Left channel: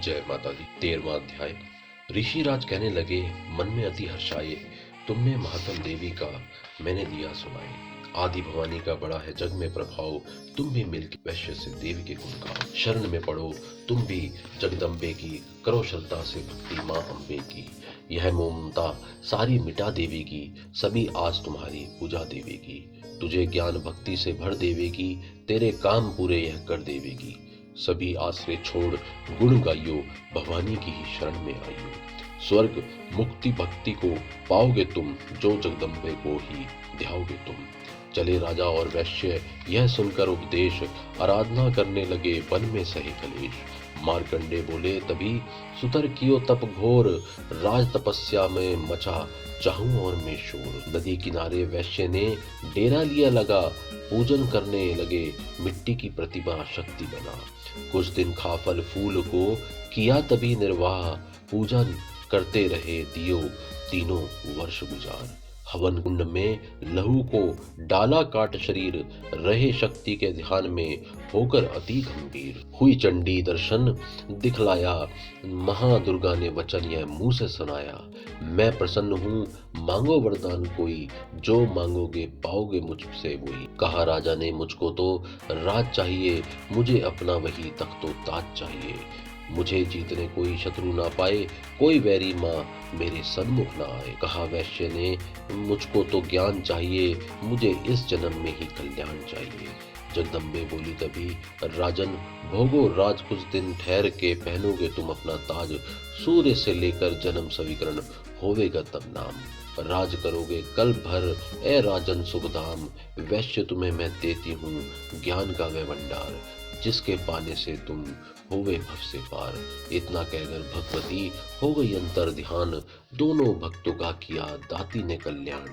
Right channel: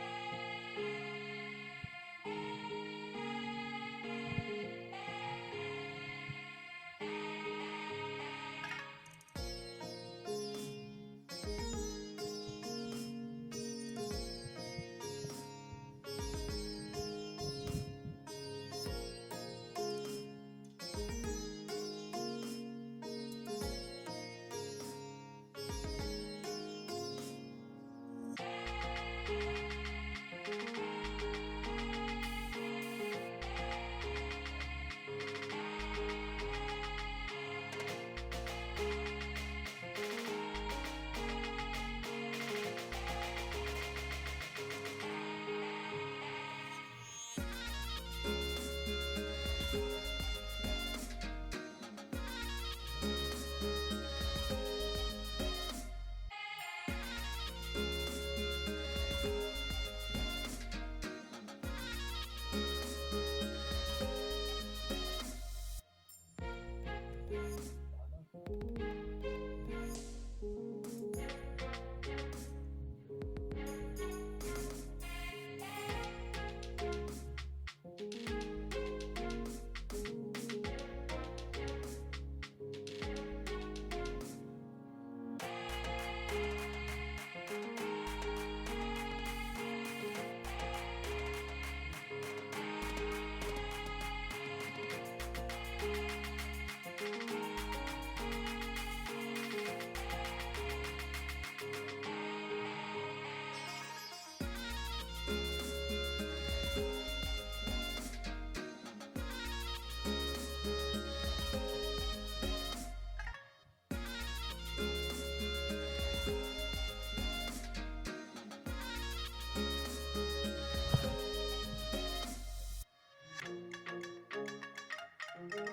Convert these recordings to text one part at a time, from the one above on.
जय माता दी। 13वां अध्याय। ऋषिराज कहने लगे, मन में अति हर्षाये, तुमने महात्म देवी का मैंने दिया सुनाए। आदि भवानी का बड़ा है जग में प्रभाव, तुम भी मिलके वैश्य से देवी के गुण गाओ। शरण में पड़ो तुम भी जगदम्बे की, करो श्रद्धा से भक्ति माँ अम्बे की। यह ममता सारी मिटा देवेगी, सभी आस तुम्हारी पूजा देवेगी। तुझे ज्ञान भक्ति से भर देवेगी, तेरे काम पूरे यह कर देवेगी। सभी आश्रय छोड़ गुण गाइयो, भवानी की ही शरण में आइयो। स्वर्ग मुक्ति भक्ति को पाओगे तुम, जो जगदम्बे को ही ध्याओगे तुम। चले राजा और वैश्य यह सुनकर उपदेश, आराधना करने लगे वन में सही कलेश। मार्कंडे बोले तभी, सुतर कियो तप घोर, राज तपस्या में मचा चाहूं और में शोर। नदी किनारे वैश्य ने डेरा लिया लगा, पूजन करने लगे मिट्टी की प्रतिमा शक्ति बना। कुछ दिन खा फल फूल को किया तभी निर्वाह, पूजन करते रहे दियो तीनों वर्ष गुजार। हवन कुंड में लहू को डाला काट शरीर, रहे शक्ति के ध्यान में होकर अति गंभीर। हुई चंडी दर्शन दिखलाया, महादुर्गा ने वचन यह मुंह से सुनाया। मैं प्रसन्न हूँ मांगो वरदान कोई, जो मांगोगे पाओगे मुझसे वही। कहा राजा ने मुझको तो राज चाहिए, मुझे अपना वही तख्तो ताज चाहिए। मुझे जीतने कोई शत्रु ना पाए, कोई वैरी माँ मेरे सन्मुख ना आए। कहा वैश्य ने मुझको तो ज्ञान चाहिए, मुझे इस जन्म में ही कल्याण चाहिए। जगदम्बे बोली तभी, राजन भोगो राज कुछ दिन ठहर के, पहनोगे तुम अपना ताज। सूर्य से लेकर जन्म सविकरण होवेगा तब नाम। राज करोगे कल भर ए राजन सुखधाम, वैश्य तुम्हें मैं देती हूँ ज्ञान का वह भंडार, जिसके पाने से तुम होवे भव से पार। इतना कहकर भगवती हो गई अंतर ध्यान, दोनों भक्तों का किया दाती ने कल्याण।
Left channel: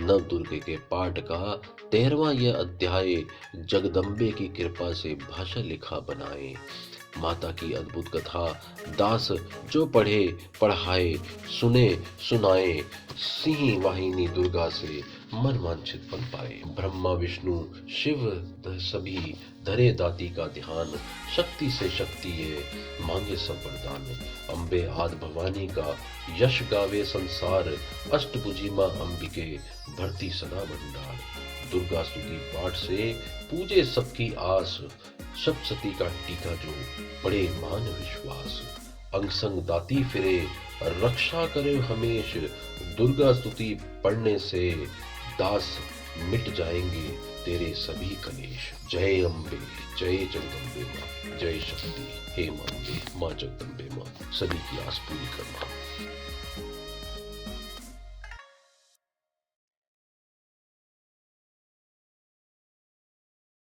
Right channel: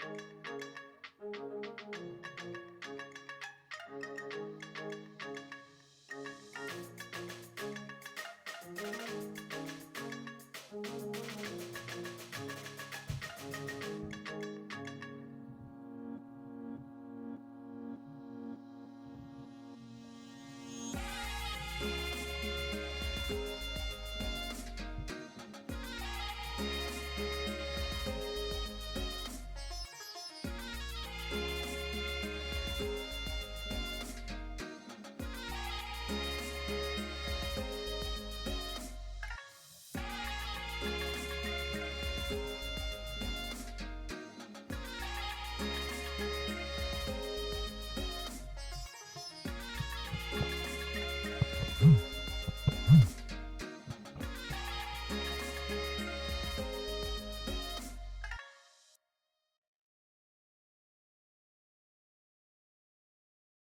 नव दुर्गे के पाठ का 13वां यह अध्याय, जगदम्बे की कृपा से भाषा लिखा बनाए। माता की अद्भुत कथा दास जो पढ़े पढ़ाए, सुने सुनाए, सिंह वाहिनी दुर्गा से मन वांछित फल पाए। ब्रह्मा विष्णु शिव सभी धरे दाती का ध्यान, शक्ति से शक्ति है मांगे सब वरदान। अम्बे आदि भवानी का यश गावे संसार, अष्टभुजी माँ अंबिके भरती सदा भंडार। दुर्गा स्तुति पाठ से पूजे सबकी आस, सप्तशती का टीका जो पड़े मान विश्वास। अंग संग दाती फिरे रक्षा करे हमेश, दुर्गा स्तुति पढ़ने से दास मिट जाएंगे तेरे सभी कलेश। जय अम्बे, जय जगदम्बे माँ, जय शक्ति हे माँ, माँ जगदम्बे माँ सभी की आस पूरी कर।